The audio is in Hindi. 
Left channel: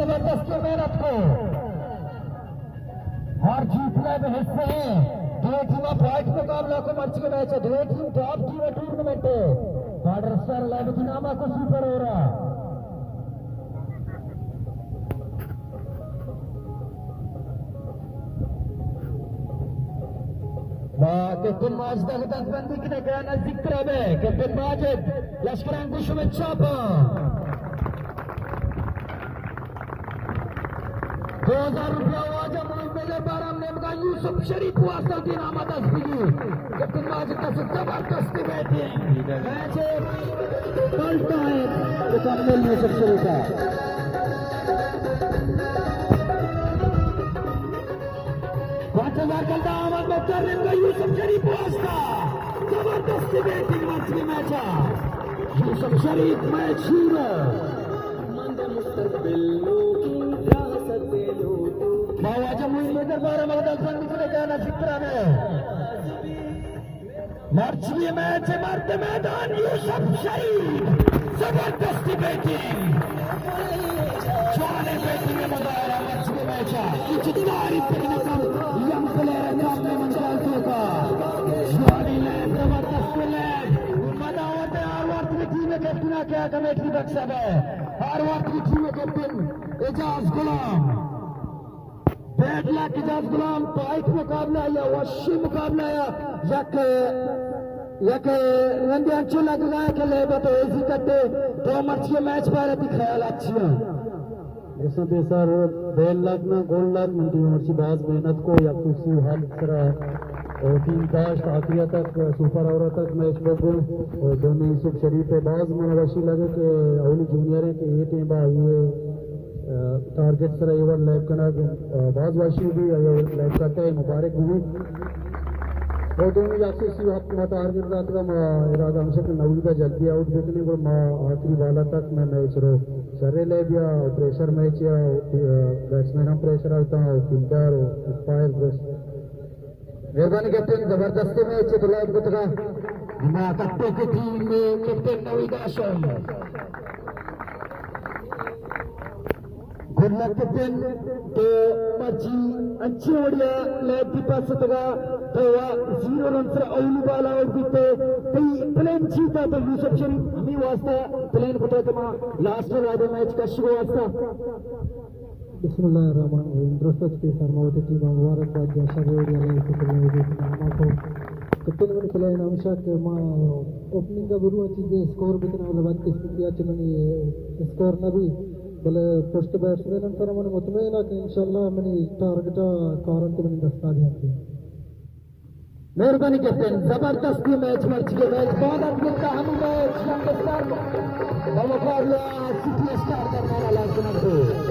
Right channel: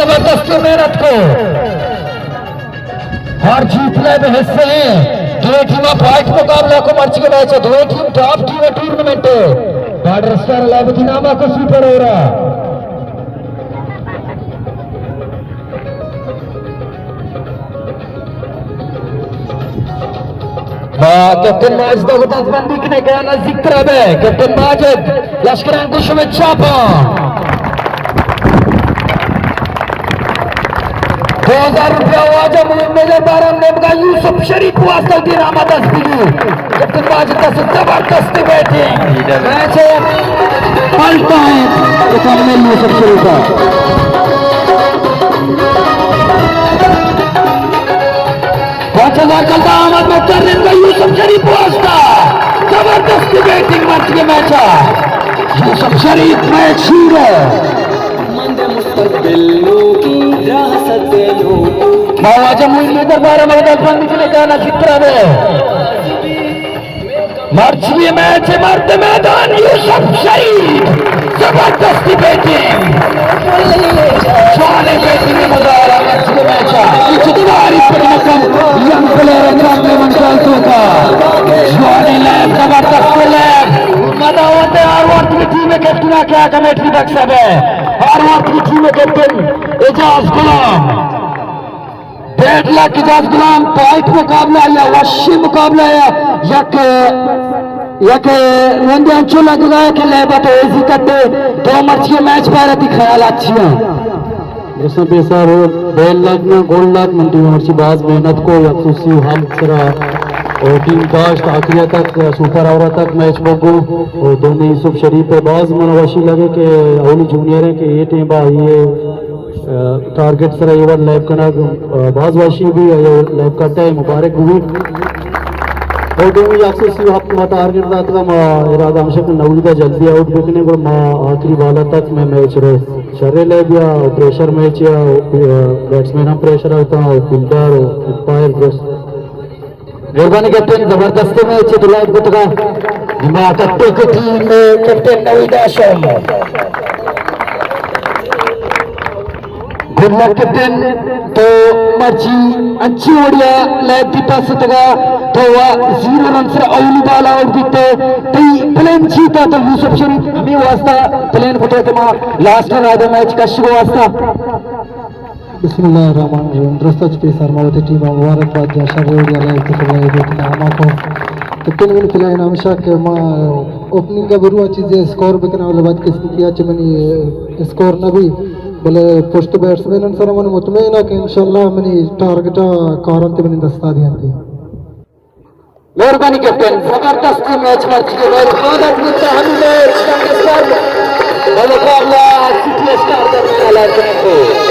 जबरदस्त मेहनत को हर जीत ले हिस्से हैं। दो टीम फाइट मुकाबला को मर्च के मैच है। दो टीम टॉप टीम है टूर्नामेंट बॉर्डर स्टार लाइबनामा को सुपर हो रहा कैप्टन माजिद गुताजबंदी ने कहा ना जिक्र है कैप्टन माजिद लश्कर अंकुश में छापा 2000 रुपया वाजा मेजर बारम ने बगा यूसुफ शरीफ वास्ता की रामत अस्तिगी कैप्टन माजिद का जबरदस्त बैटिंग मैच है पलटा है कैप्टन यूसुफ शरीफ का 5000 का दामद में करने का यूसुफ शरीफ वास्ता जबरदस्त बैटिंग मैच के मैच है यूसुफ शरीफ मैच शीर है बावाजा मुझे दरबार में निकले जाना जिक्र है मार्च में मैच है मर्द मैदान यूसुफ शरीफ जबरदस्ती बैटिंग जाने बैटिंग में मजा आ रहा मैच के मैच पर मकम यंग प्लेयर अंजाम में मंचाल का जाने लैब जबरदस्त लैब मजा होते हर वक्त की टीम में कैप्टन क्या कमेटी तक सब है हर वक्त की टीम में कैप्टन एजाज गुलाम 1.5 लाख एजाज गुलाम फाइट मुकाबला या वशी मुकाबला या रंगे अंचो लग रहा है कि लेबा तो ऐसी करते दो मर्ची मैच पर थी ख्याल अच्छी है जैसा पैसा वो 1.5 लाख में गोल्ड लाख मंटी मर्ची बाज मेहनत को अफसोसी हम सरा और टीम कास्ट आखिरी तक सुपर ओवर तक मैच बगो और दोनों यूसुफ शरीफ पे बाज मनवाशी लगे कि अवली जूनियर है कि ये टीम बा ये टारगेट सर ये बार लैब करना बाज वाशी भी लैब करता है मुबारक हुई और दोनों अफसोसी हम टारगेट दाता मा इरादा हमसे नवली का जल्दी आउट बिकने को मां आखिरी बाला तक में मैच रहे शर्रे लैब या प्रेशर मैच या बैट्समैन हम प्रेशर होता है फील्डर और अंपायर मेहरबानी कैप्टन जबरदस्त मैच दुलाब गुतगा दिमाग कट्टे की टीम में captain Naveed Asham good luck captain तो मर्ची अच्छी ओडिया लैब की पास तगा तो वह 0 रन से अवली बाल आउट दिते तई प्लेन जीता तो यूसुफ शरीफ हमें वास्ता प्लेन फटे के मां लास्ट रन आधा मैच का शुरू वास्ता बिस्मिल्लाहिर्रहमानिर्रहीम द्रस्तच के सरमावती टीम मुबारकबाद जैसा ओडिया लाइव के खिलाड़ी देखना हमाको कितने मिनट खिलाए नामशा के मां ओपनिंग का बरुआ चीजें स्कोर बिकना वाले बात किसकी किया चमनी स्कोर ना भी बोले फर्स्ट बैट्समैन सर मन मुतमईन है कि इंशाल्लाह मनी टारगेट कारंत मनी दस्ता दिया थी मेहरबानी कैप्टन जबरदस्त मैच मर्ची के बाद बहुत अच्छा हम मैच का स्कोर मुकाबला सिटी स्टार दरमियान लाइव करने को